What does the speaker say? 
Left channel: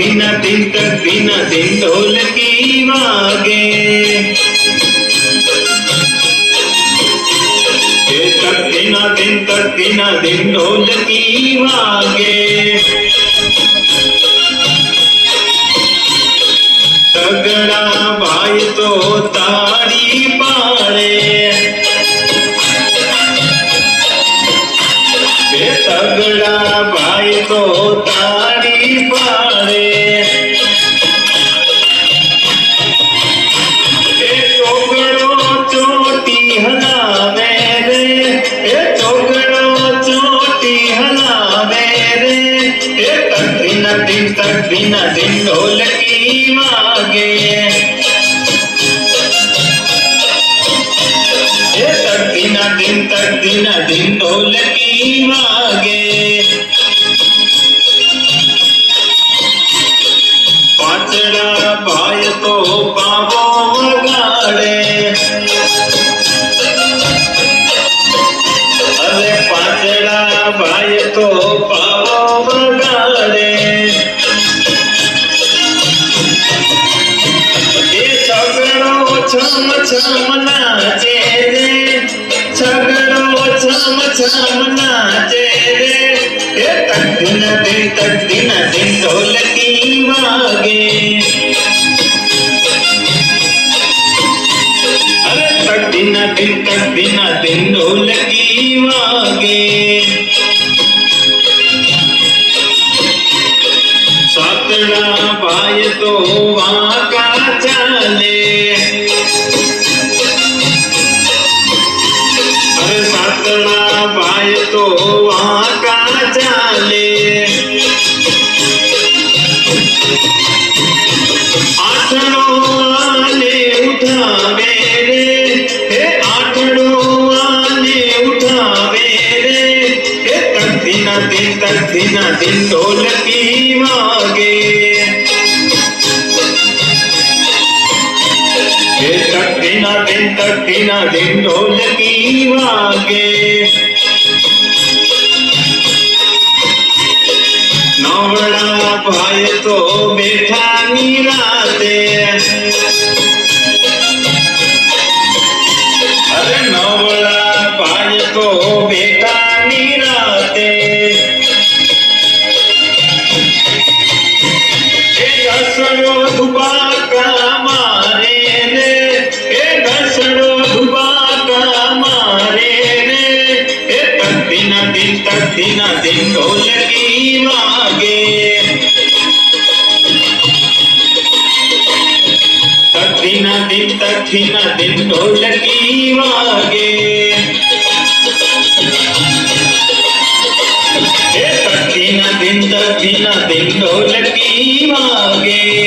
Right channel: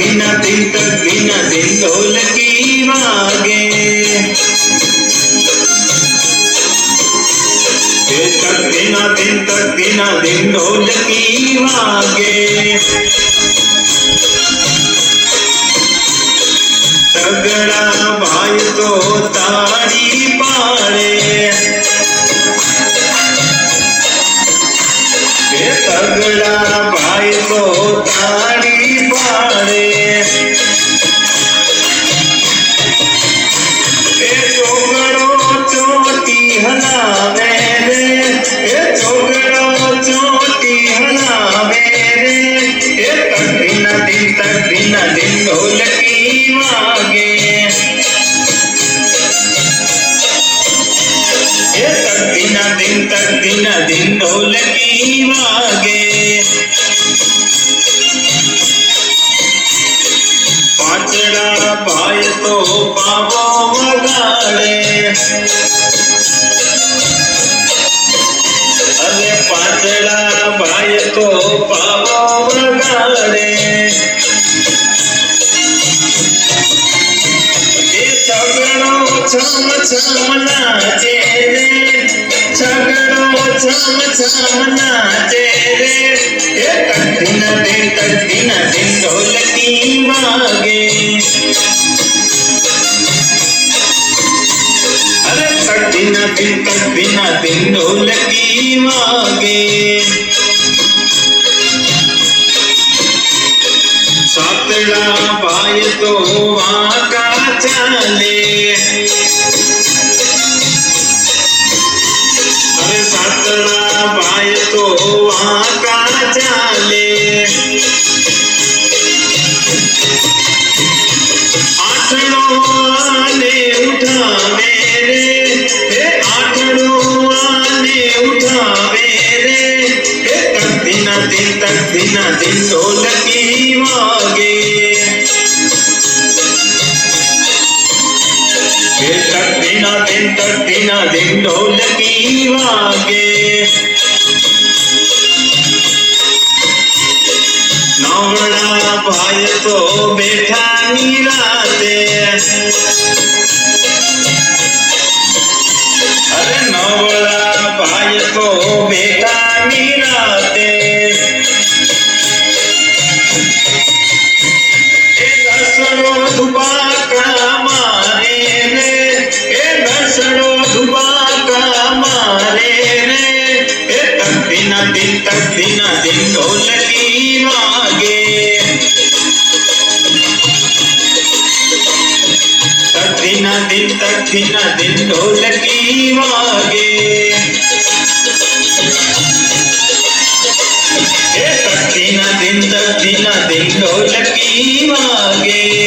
दिन ढोलकी वागे। दिन ढोलकी वागे। तगड़ा भाई तो ताड़ी पाड़े। तगड़ा भाई तो ताड़ी पाड़े। चोगड़ो चोटी हलावे रे। चोगड़ो चोटी हलावे रे। तक दिन ढोलकी वागे। तक दिन ढोलकी वागे। पाचड़ा भाई तो पावो वगाड़े। अरे पाचड़ा भाई तो पावो वगाड़े। छम छम नाचे रे। छगड़ो छम छम नाचे रे। तक दिन ढोलकी वागे। अरे तक दिन ढोलकी वागे। सातड़ा भाई तो वहाँ का चाले। अरे सातड़ा भाई तो वहाँ का चाले। आठड़ो आने उठावे रे। आठड़ो आने उठावे रे। तक दिन ढोलकी वागे। तक दिन ढोलकी वागे। नवड़ा भाई तो बैठा निराते। अरे नवड़ा भाई तो बैठा निराते। घसड़ो धुबाका मारे रे। घसड़ो धुबाका मारे रे। तक दिन ढोलकी वागे। तक दिन ढोलकी वागे। तक दिन ढोलकी वागे।